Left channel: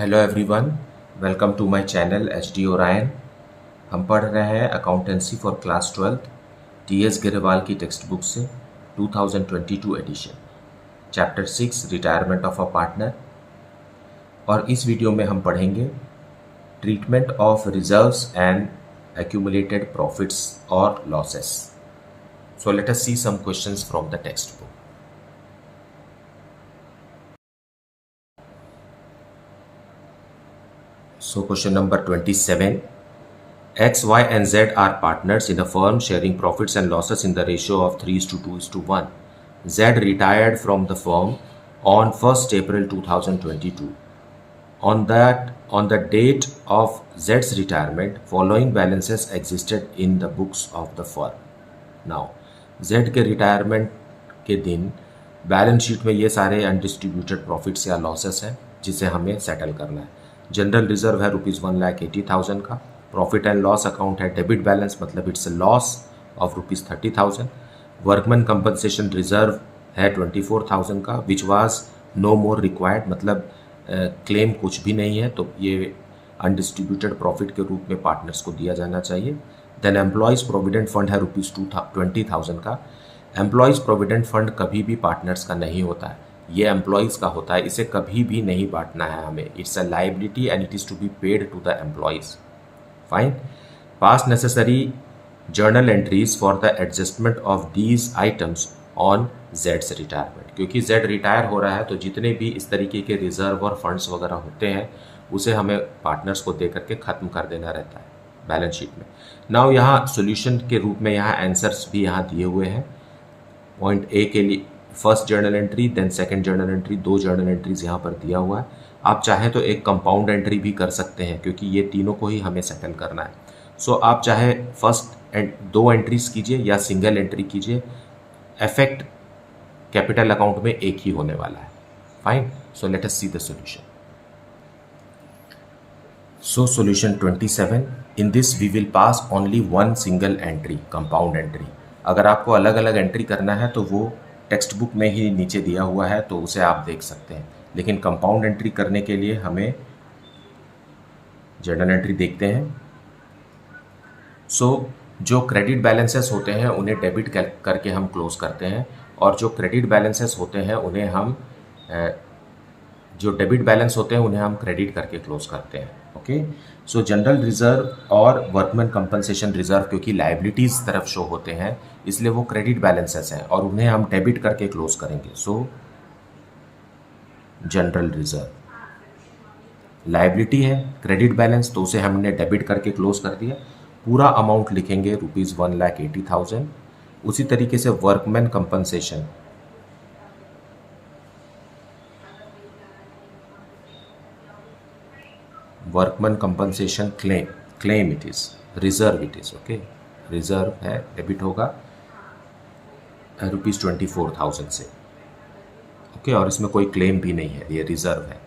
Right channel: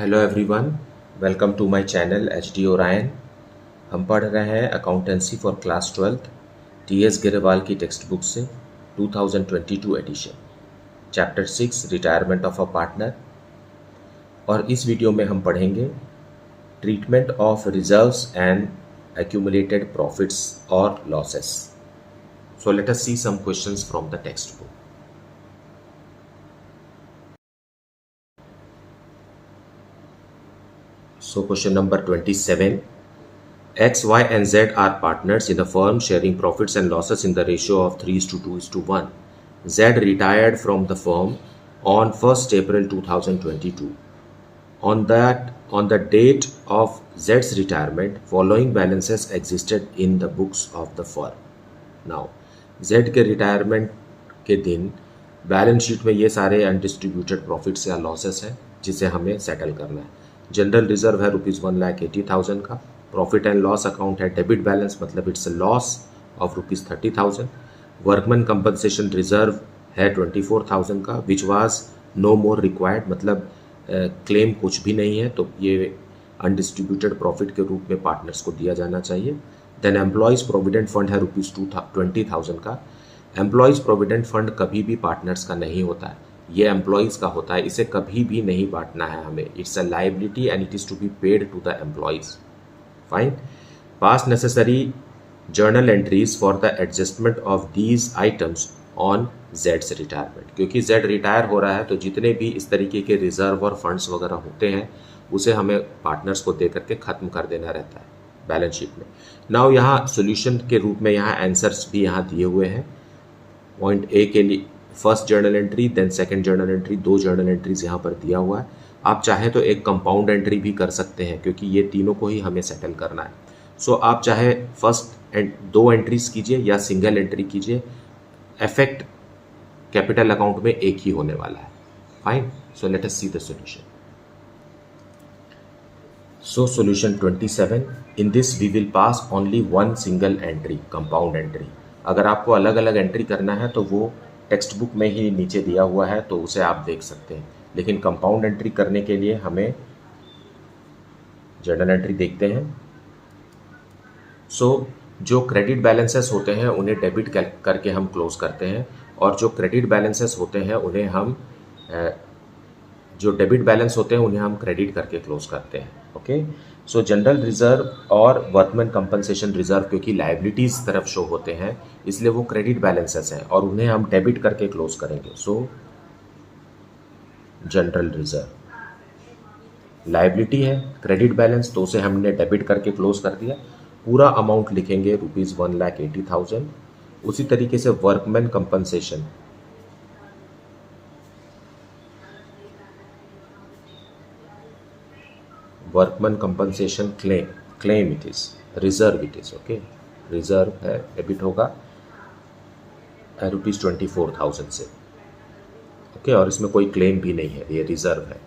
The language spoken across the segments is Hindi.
Hello everyone, welcome to my channel H D Orion. हम पढ़ रहे हैं accountancy for class 12 T S. Grewal की टेक्स्ट बुक से 2022 edition, chapter 6 retirement of a partner. और इस वीडियो में हम पढ़ेंगे treatment of reserves and accumulated profits और losses. So let us see some questions from the text book. So question number 27. X, Y and Z are partners in a firm sharing profits and losses in the ratio of 3:2:1. Z retired from the firm on 1st April 2022. On the date of Z's retirement, following balances existed in the books of the firm. Now, Z के रिटायरमेंट के दिन बैलेंस शीट में ये सारे अनडिस्ट्रीब्यूटेड प्रॉफिट्स या लॉसेस हैं जिसे हमें सेटल करना है। जनरल रिजर्व है ₹1,80,000 का। प्रॉफिट एंड लॉस अकाउंट है डेबिट बैलेंस, मतलब it's a loss of ₹30,000। Workman compensation reserve है 24,000 का, which was no more required, मतलब क्लेम कुछ भी नहीं है, तो ये अनडिस्ट्रीब्यूटेड प्रॉफिट के रूप में पार्टनर्स को दिया जाना चाहिए। देन एम्प्लॉयज़ प्रोविडेंट फंड है ₹20,000 का। एम्प्लॉयज़ प्रोविडेंट फंड कभी भी पार्टनर्स का नहीं होता है, ये एम्प्लॉयज़ का होता है, इसे कभी भी नहीं बांटना है हमें। It's a liability and it is to be paid to the employees. Fine. Pass necessary journal entries for the adjustment of these items on जेड्स रिटायरमेंट। क्योंकि जेड रिटायर हो रहा है तो जितने भी इस तरीके के रिजर्व और फंड्स वगैरह होते हैं उसे हमें पार्टनर्स को दे करके ख़त्म कर देना रहता है बैलेंस शीट में। नाउ यहाँ सोल्यूशन के रूप में यहाँ आंसर्स भी यहाँ दिए हुए हैं। पॉइंट ए के लिए first journal entry, then second journal entry, 2 journal entries यहाँ पर दिया हुआ है। आप चाहे तो एक कंपाउंड एंट्री भी कर सकते हैं क्योंकि ये तीनों को ही हमें सेटल करना है। सो आप चाहे फर्स्ट 2 एंट्रीज कीजिए या सिंगल एंट्री कीजिए, इफेक्ट कैपिटल अकाउंट में एक ही होने वाला है। Fine. So let us see the solution. So solution 27, in this we will pass only one single entry, compound entry। अगर आपको अलग अलग एंट्री करना है तो वो टेक्स्ट बुक में ही नीचे दिया हुआ है, तो उसे आप देख सकते हैं। लेकिन कंपाउंड एंट्री करने के लिए हमें जर्नल एंट्री देखते हैं। सो जो क्रेडिट बैलेंसेस होते हैं उन्हें डेबिट करके हम क्लोज करते हैं, और जो क्रेडिट बैलेंसेस होते हैं उन्हें हम जो डेबिट बैलेंस होते हैं उन्हें हम क्रेडिट करके क्लोज करते हैं। ओके। सो जनरल रिजर्व और वर्कमैन कंपनसेशन रिजर्व क्योंकि लाइबिलिटीज तरफ शो होते हैं इसलिए वो क्रेडिट बैलेंसेस हैं और उन्हें हम डेबिट करके क्लोज करेंगे। सो जनरल रिजर्व लाइबिलिटी है, क्रेडिट बैलेंस, तो उसे हमने डेबिट करके क्लोज कर दिया। पूरा अमाउंट लिखेंगे ₹1,80,000। उसी तरीके से workman compensation workman compensation claim it is, reserve it is. Okay, reserve है, डेबिट होगा ₹24,000 से। ओके, और इसमें कोई क्लेम भी नहीं है, ये रिजर्व है।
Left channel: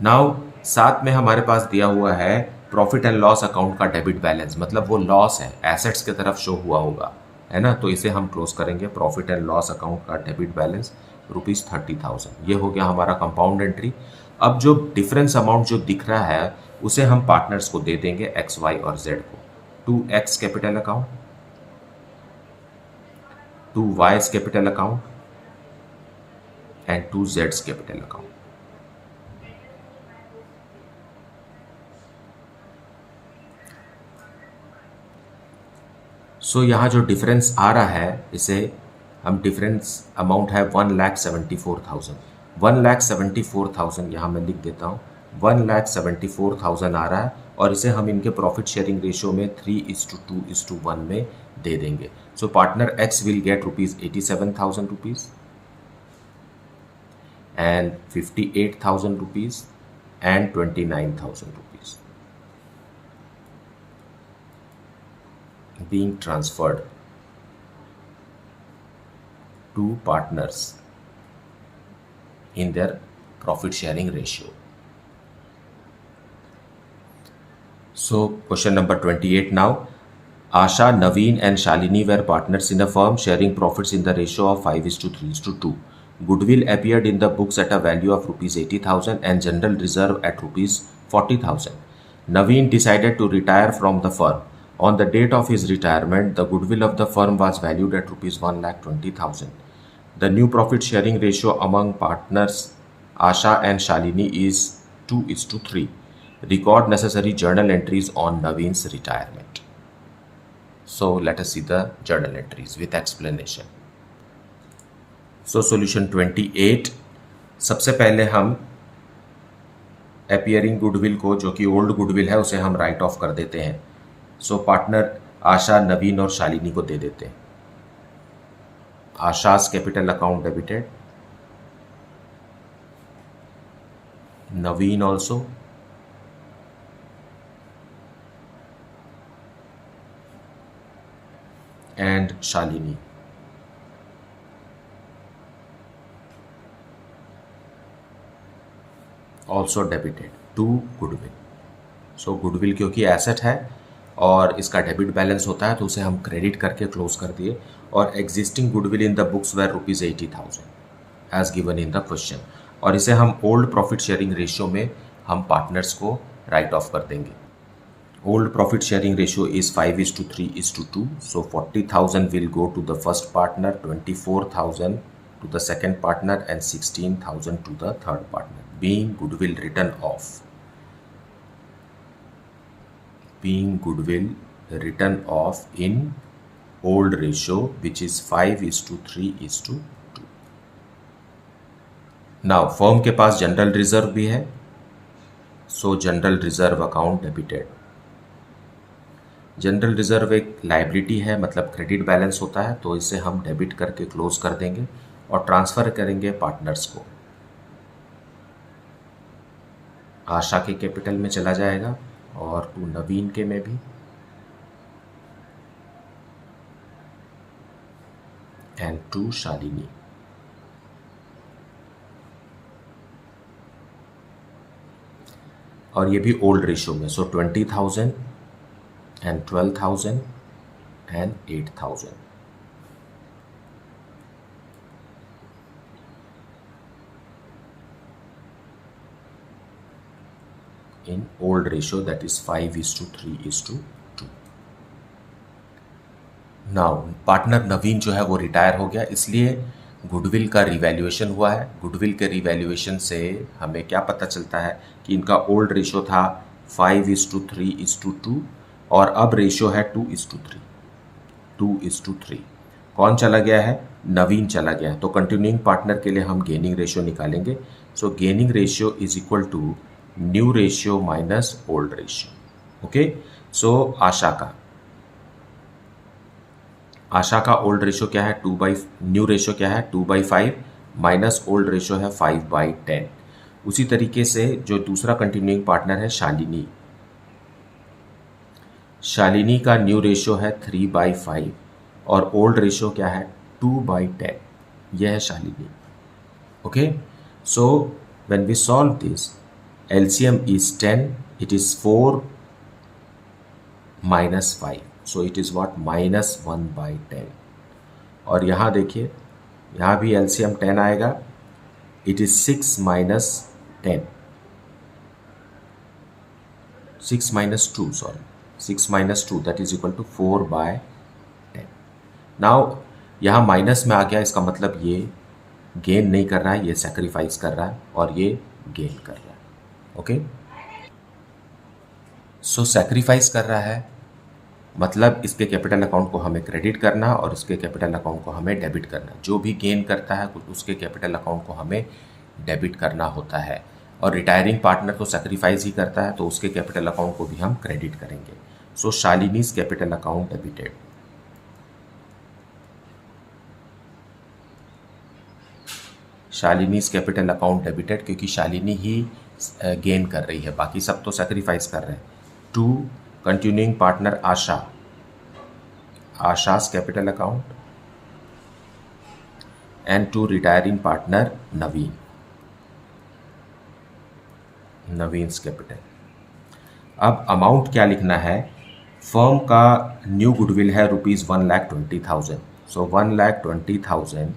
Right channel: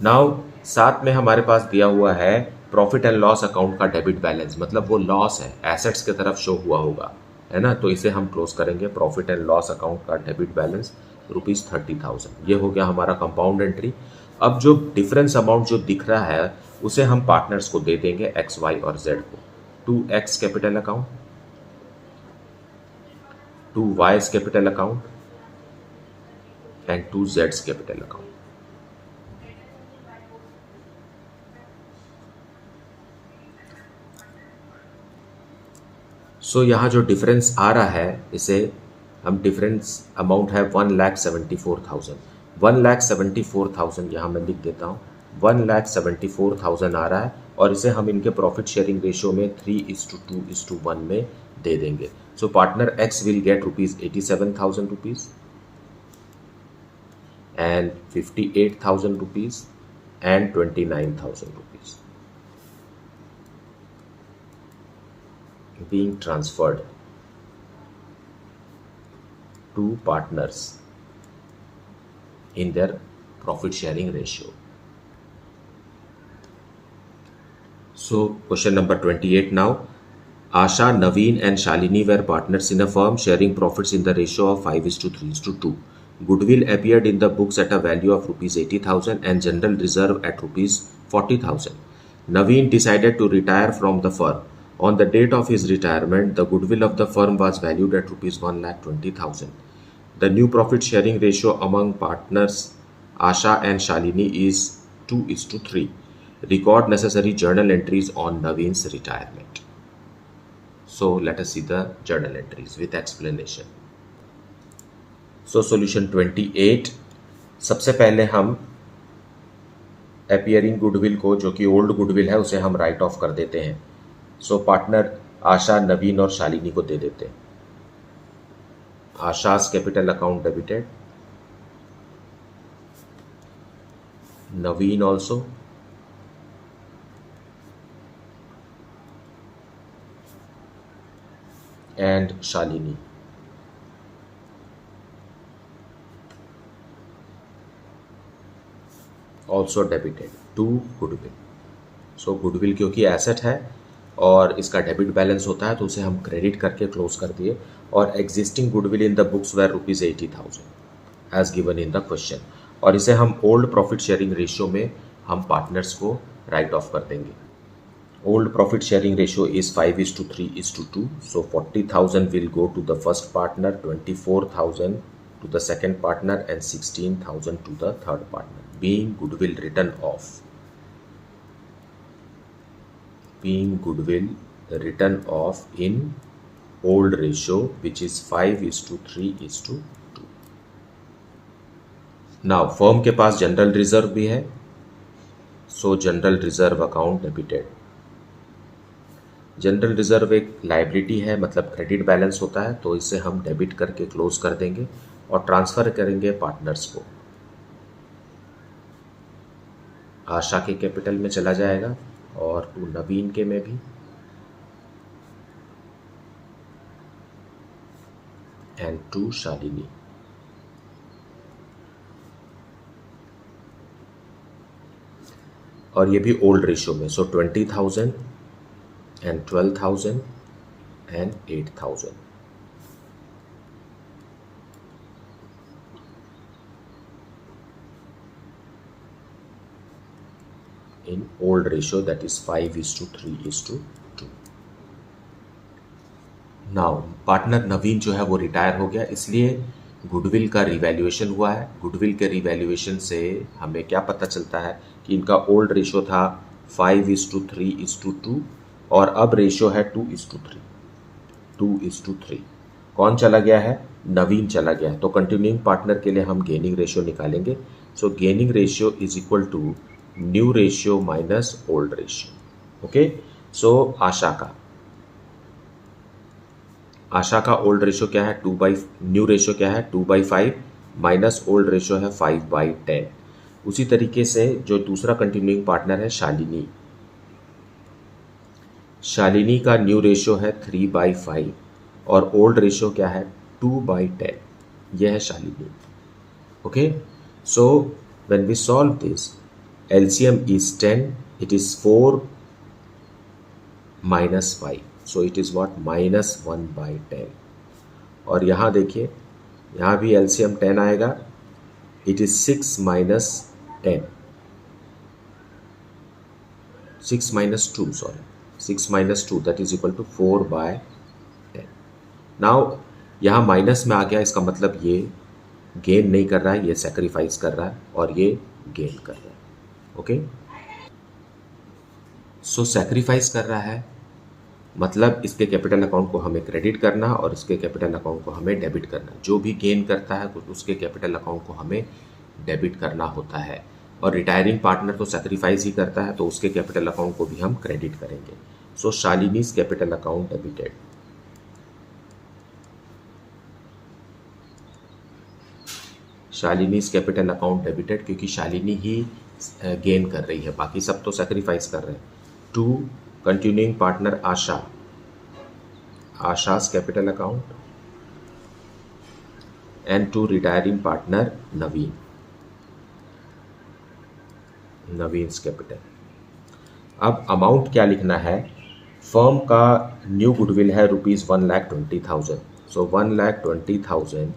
नाउ साथ में हमारे पास दिया हुआ है प्रॉफिट एंड लॉस अकाउंट का डेबिट बैलेंस, मतलब वो लॉस है, एसेट्स की तरफ शो हुआ होगा, है ना, तो इसे हम क्लोज करेंगे। प्रॉफिट एंड लॉस अकाउंट का डेबिट बैलेंस ₹30,000। ये हो गया हमारा कंपाउंड एंट्री। अब जो डिफरेंस अमाउंट जो दिख रहा है उसे हम पार्टनर्स को दे देंगे, एक्स, वाई और जेड को। 2x capital account, 2y capital account and 2z capital account. So यहाँ जो डिफरेंस आ रहा है इसे हम डिफरेंस अमाउंट है 1,74,000। 1,74,000 यहाँ मैं लिख देता हूँ। 1,74,000 आ रहा है और इसे हम इनके प्रॉफिट शेयरिंग रेशियो में 3:2:1 में दे देंगे। So partner X will get ₹87,000 and ₹58,000 and ₹29,000 being transferred to partners in their profit sharing ratio. So question number 28 now. Asha, Naveen and Shalini were partners in a firm sharing profits in the ratio of 5:3:2. Goodwill appeared in the books at a value of ₹80,000 and general reserve at 40,000. Naveen decided to retire from the firm. On the date of his retirement, the goodwill of the firm was valued at rupees 1,20,000. The new profit sharing ratio among partners Asha and Shalini is 2:3. Record necessary journal entries on Naveen's retirement. So let us see the journal entries with explanation. So solution 28. सबसे पहले हम अपीयरिंग गुडविल को, जो कि ओल्ड गुडविल है, उसे हम राइट ऑफ कर देते हैं. सो पार्टनर आशा, नवीन और शालिनी को दे देते हैं. Asha's capital account debited, Naveen also, and Shalini. Also debited to goodwill. So goodwill क्योंकि एसेट है और इसका डेबिट बैलेंस होता है तो उसे हम क्रेडिट करके क्लोज कर दिए. और existing goodwill in the books were rupees 80,000 as given in the question. और इसे हम ओल्ड प्रॉफिट शेयरिंग रेशियो में हम पार्टनर्स को राइट ऑफ कर देंगे. Old profit sharing ratio is 5:3:2. So 40,000 will go to the first partner, 24,000 to the second partner and 16,000 to the third partner, being goodwill written off in old ratio, which is 5:3:2. now firm के पास जनरल रिजर्व भी है. सो general reserve account debited. General reserve एक लाइबिलिटी है, मतलब क्रेडिट बैलेंस होता है, तो इसे हम डेबिट करके क्लोज कर देंगे और ट्रांसफर करेंगे पार्टनर्स को. आशा के कैपिटल में चला जाएगा और टू नवीन के में भी, एंड टू शालिनी. और ये भी ओल्ड रेशियो में. So 20,000 and 12,000 and 8,000. in old ratio, that is 5:3:2. Now partner Naveen जो है वो रिटायर हो गया, इसलिए गुडविल का रिवैल्यूएशन हुआ है. गुडविल के रिवैल्यूएशन से हमें क्या पता चलता है कि इनका ओल्ड रेशियो था 5:3:2 और अब रेशियो है 2:3. कौन चला गया है? नवीन चला गया है. तो कंटिन्यूइंग पार्टनर के लिए हम गेनिंग रेशियो निकालेंगे. So gaining ratio is equal to new ratio minus old ratio. Okay. So Asha का ओल्ड रेशियो क्या है? न्यू रेशियो क्या है? 2/5 माइनस ओल्ड रेशियो है 5/10. उसी तरीके से जो दूसरा कंटिन्यूइंग पार्टनर है शालिनी का न्यू रेशियो है 3/5 और ओल्ड रेशियो क्या है? 2/10. यह है Shalini. Okay. So when we solve this, LCM is 10, it is 4 minus 5, so it is what? -1/10. और यहाँ देखिए, यहाँ भी LCM 10 आएगा, it is 6 minus 10, 6 minus 2, that is equal to 4/10. Now यहाँ माइनस में आ गया, इसका मतलब ये गेन नहीं कर रहा है, ये सेक्रीफाइस कर रहा है और ये गेन कर रहा है. ओके. सो सेक्रीफाइस कर रहा है मतलब इसके कैपिटल अकाउंट को हमें क्रेडिट करना और इसके कैपिटल अकाउंट को हमें डेबिट करना. जो भी गेन करता है उसके कैपिटल अकाउंट को हमें डेबिट करना होता है. और रिटायरिंग पार्टनर तो सेक्रीफाइस ही करता है तो उसके कैपिटल अकाउंट को भी हम क्रेडिट करेंगे. So Shalini's capital account debited. Shalini's capital account debited क्योंकि शालिनी ही गेन कर रही है, बाकी सब तो सेक्रीफाइस कर रहे हैं. To continuing partner Asha's capital account and to retiring partner Naveen's capital. अब अमाउंट क्या लिखना है? फर्म का न्यू गुडविल है रुपीज़ 1,20,000. सो 1,20,000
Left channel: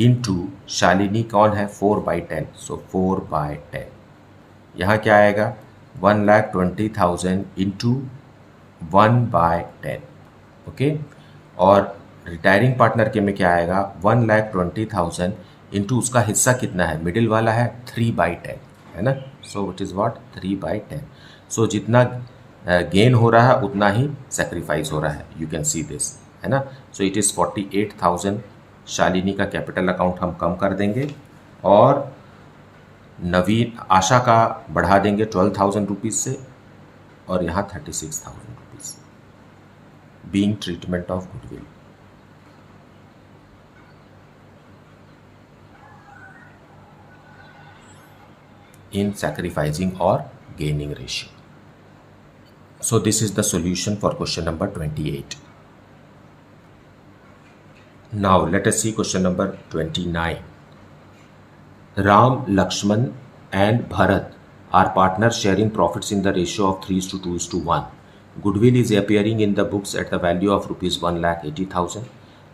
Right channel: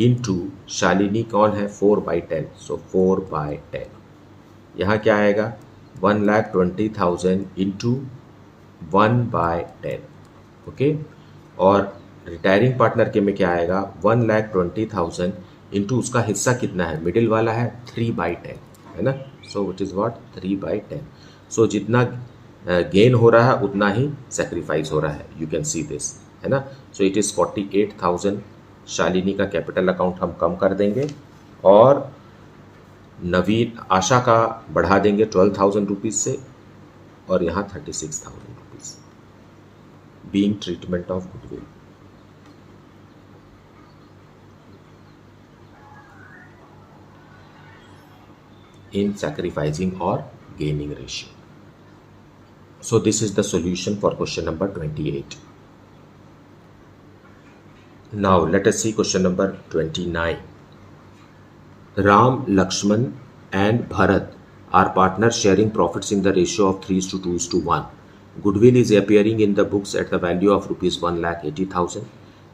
इंटू शालिनी कौन है? 4/10. सो 4/10. यहाँ क्या आएगा? 1,20,000 इंटू 1/10, ओके। और रिटायरिंग पार्टनर के में क्या आएगा, 1,20,000 इंटू उसका हिस्सा कितना है, मिडिल वाला है 3/10, है ना। So it is what, 3/10। सो जितना गेन हो रहा है उतना ही सेक्रीफाइस हो रहा है, यू कैन सी दिस, है ना। So it is 48,000। शालिनी का कैपिटल अकाउंट हम कम कर देंगे और नवीन आशा का बढ़ा देंगे 12,000 रुपीज़ से, और यहाँ 36,000 rupees being treatment of goodwill. in sacrificing or gaining ratio. So this is the solution for question number 28. Now let us see question number 29. Ram, Lakshman and Bharat are partners sharing profits in the ratio of 3:2:1. Goodwill is appearing in the books at the value of rupees 1,80,000.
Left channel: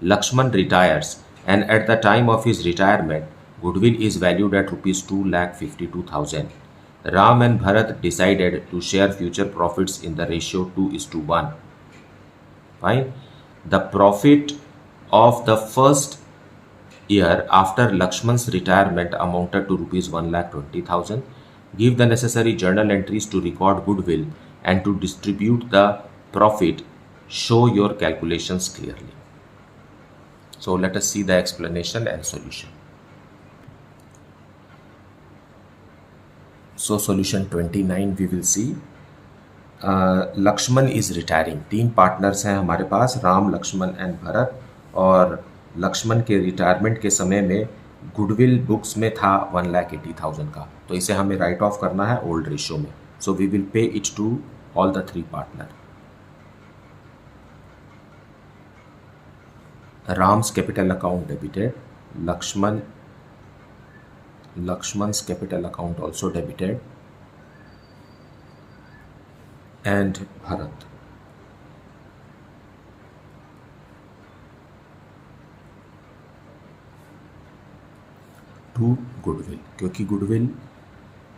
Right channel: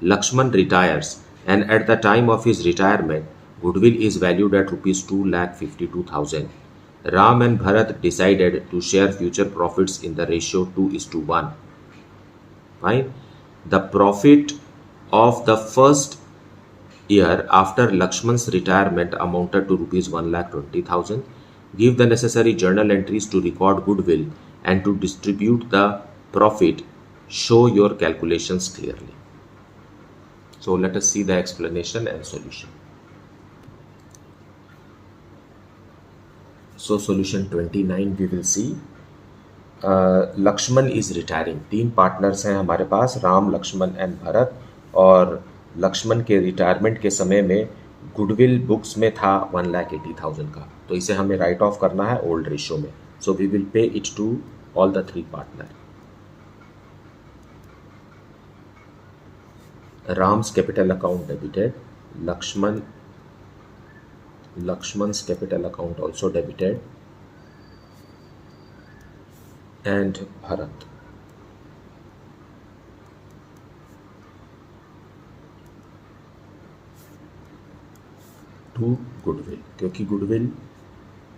Lakshman retires, and at the time of his retirement, goodwill is valued at rupees 2,52,000. Ram and Bharat decided to share future profits in the ratio 2:1. Fine. The profit of the first year after Lakshman's retirement amounted to rupees 1,20,000. Give the necessary journal entries to record goodwill and to distribute the profit. Show your calculations clearly. So let us see the explanation and solution. So solution 29 we will see. Lakshman is retiring, 3 partners हैं हमारे पास, राम, लक्ष्मण एंड भरत, और लक्ष्मण के रिटायरमेंट के समय में गुडविल बुक्स में था 1,80,000 का, तो इसे हमें राइट ऑफ करना है ओल्ड रेशियो में। So we will pay it to all the 3 partner. Ram's capital account debited, Lakshman's capital account also debited, and Bharat. To goodwill, क्योंकि गुडविल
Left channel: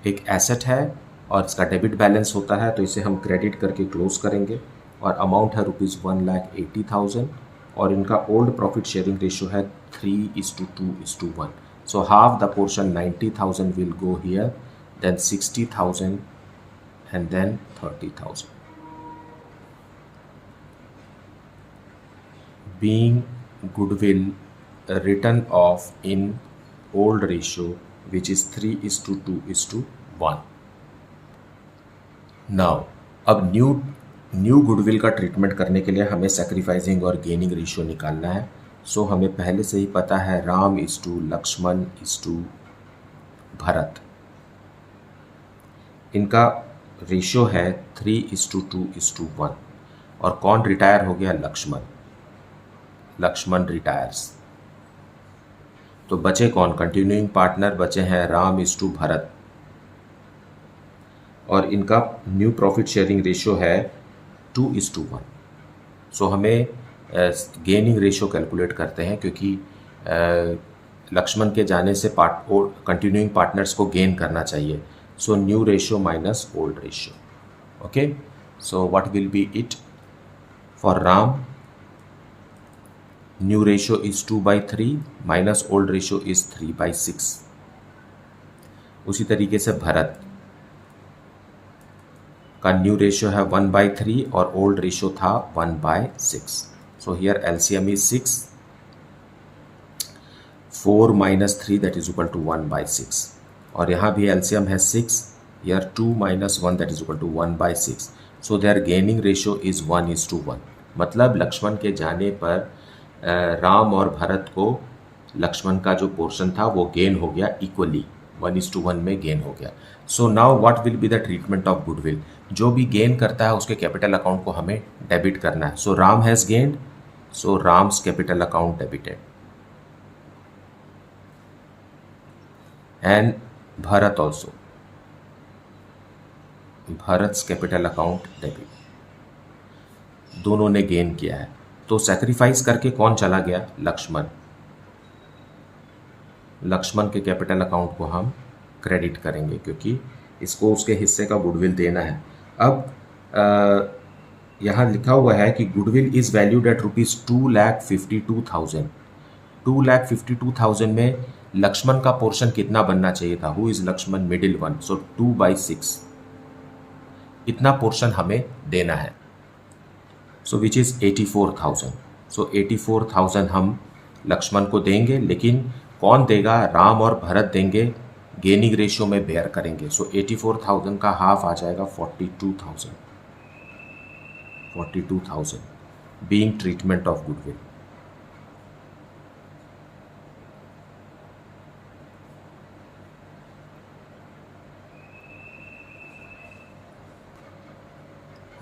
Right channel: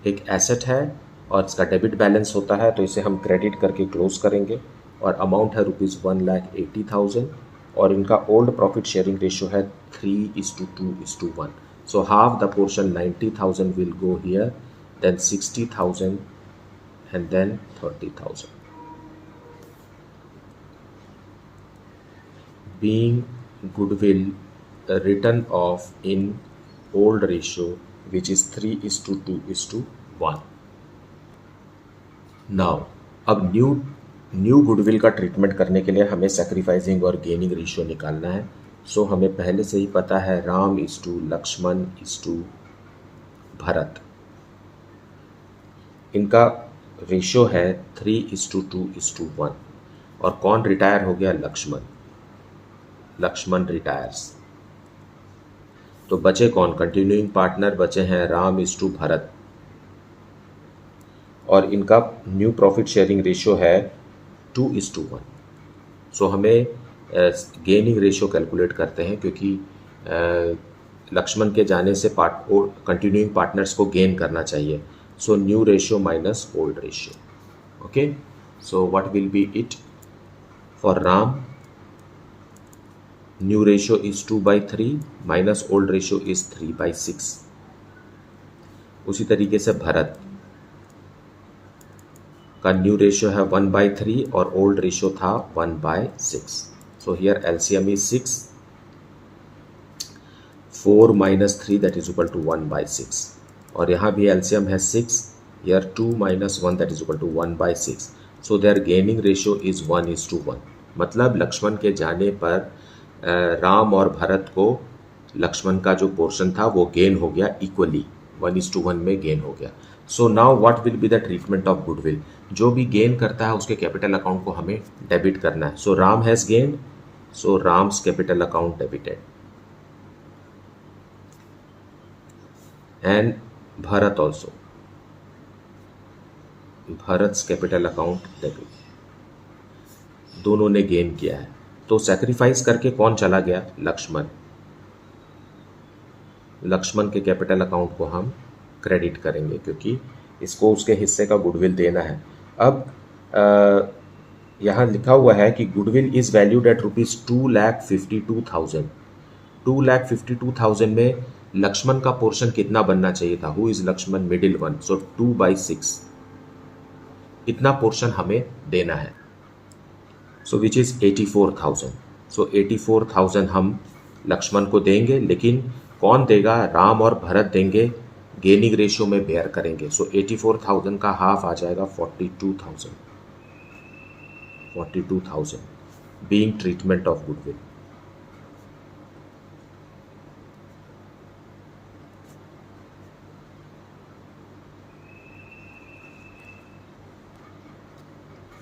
एक एसेट है और इसका डेबिट बैलेंस होता है, तो इसे हम क्रेडिट करके क्लोज करेंगे, और अमाउंट है रुपीज़ 1,80,000, और इनका ओल्ड प्रॉफिट शेयरिंग रेशियो है 3:2:1. So half the portion 90,000 will go here, then 60,000, and then 30,000. Being goodwill written off in old ratio, which is 3:2:1. Now, अब न्यू गुडविल का ट्रीटमेंट करने के लिए हमें सेक्रीफाइसिंग और गेनिंग रेशियो निकालना है। सो हमें पहले से ही पता है Ram is to Lakshman is to Bharat, इनका रेशियो है 3:2:1, और कौन रिटायर हो गया, लक्ष्मण रिटायर्स, तो बचे कौन, कंटिन्यूइंग पार्टनर बचे हैं राम इज टू भरत, और इनका न्यू प्रॉफिट शेयरिंग रेशियो है 2:1. सो हमें गेनिंग रेशियो कैलकुलेट करते हैं, क्योंकि लक्ष्मण के जाने से कंटिन्यूइंग पार्टनर्स को गेन करना चाहिए। So new ratio minus old ratio, okay. So what will be it for Ram, new ratio is 2/3 minus old ratio is 3/6। उसी तरीके से भरत का न्यू रेशियो है 1/3 और ओल्ड रेशियो था 1/6। So here LCM is 6. 4 minus 3 that is equal to 1/6. और यहाँ भी LCM है 6. Here 2 minus 1 that is equal to 1/6. So their gaining ratio is 1:1. मतलब लक्ष्मण के जाने पर राम और भरत को लक्ष्मण का जो पोर्शन था वो गेन हो गया इक्वली, 1:1 में गेन हो गया। So now what will be the treatment of goodwill, जो भी गेन करता है उसके कैपिटल अकाउंट को हमें डेबिट करना है। So Ram has gained, so Ram's capital account debited, and Bharat also, Bharat's capital account debit, दोनों ने गेन किया है। तो सैक्रिफाइस करके कौन चला गया, लक्ष्मण के कैपिटल अकाउंट को हम क्रेडिट करेंगे, क्योंकि इसको उसके हिस्से का गुडविल देना है। अब यहाँ लिखा हुआ है कि गुडविल इज वैल्यूड एट ₹2,52,000। 2,52,000 में लक्ष्मण का पोर्शन कितना बनना चाहिए था? Who is Lakshman? Middle one, so 2/6 इतना पोर्शन हमें देना है, सो विच इज 84,000। सो 84,000 हम लक्ष्मण को देंगे, लेकिन कौन देगा? राम और भरत देंगे, गेनिंग रेशियो में बेयर करेंगे। सो 84,000 का हाफ आ जाएगा 42,000 being treatment of goodwill.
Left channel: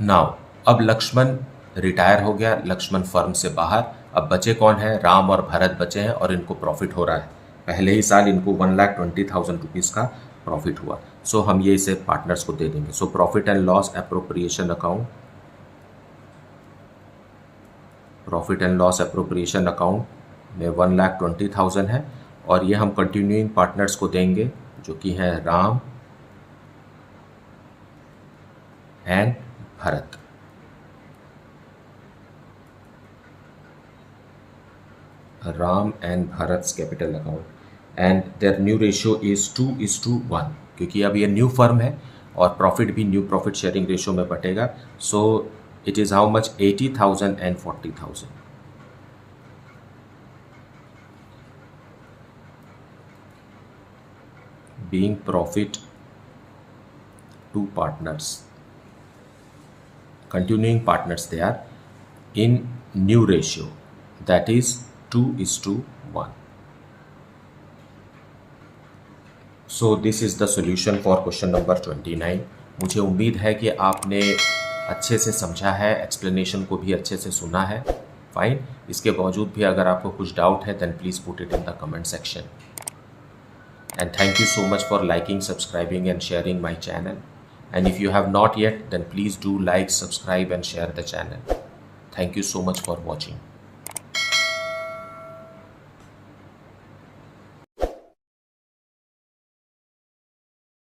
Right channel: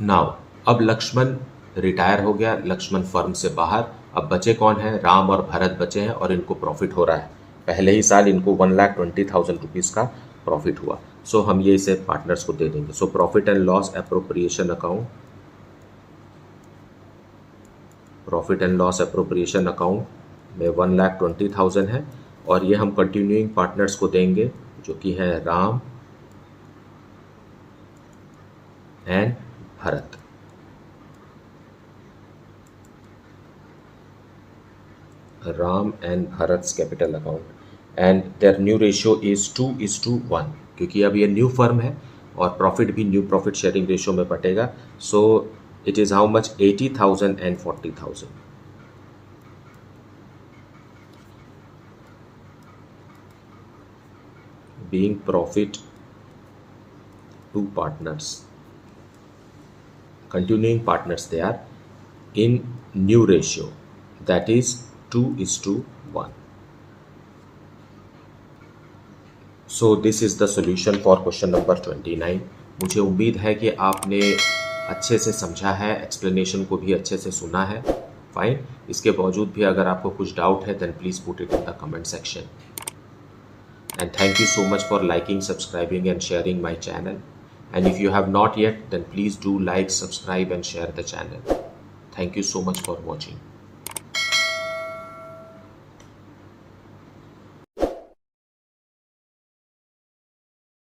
Now अब लक्ष्मण रिटायर हो गया, लक्ष्मण फर्म से बाहर, अब बचे कौन है? राम और भरत बचे हैं और इनको प्रॉफिट हो रहा है। पहले ही साल इनको 1,20,000 रुपीज़ का प्रॉफिट हुआ। सो हम ये इसे पार्टनर्स को दे देंगे। So profit and loss appropriation account, profit and loss appropriation account में 1,20,000 है और ये हम कंटिन्यूइंग पार्टनर्स को देंगे जो कि हैं Ram and Bharat. Ram and Bharat capital account and their new ratio is 2:1, क्योंकि अब ये न्यू फर्म है और प्रॉफिट भी न्यू प्रॉफिट शेयरिंग रेशियो में बटेगा। So it is how much? 80,000 and 40,000 being profit to partners, continuing partners, they are in new ratio, that is 2:1. So this is the solution for question number 29. मुझे उम्मीद है कि आपने अच्छे से समझा है, एक्सप्लेनेशन को भी अच्छे से सुना है। फाइन, इसके बावजूद भी अगर आपको कुछ डाउट है then please put it in the comment section. And thank you so much for liking, subscribing and sharing my channel. And if you have not yet, then please do like, subscribe and share the channel. Thank you so much for watching.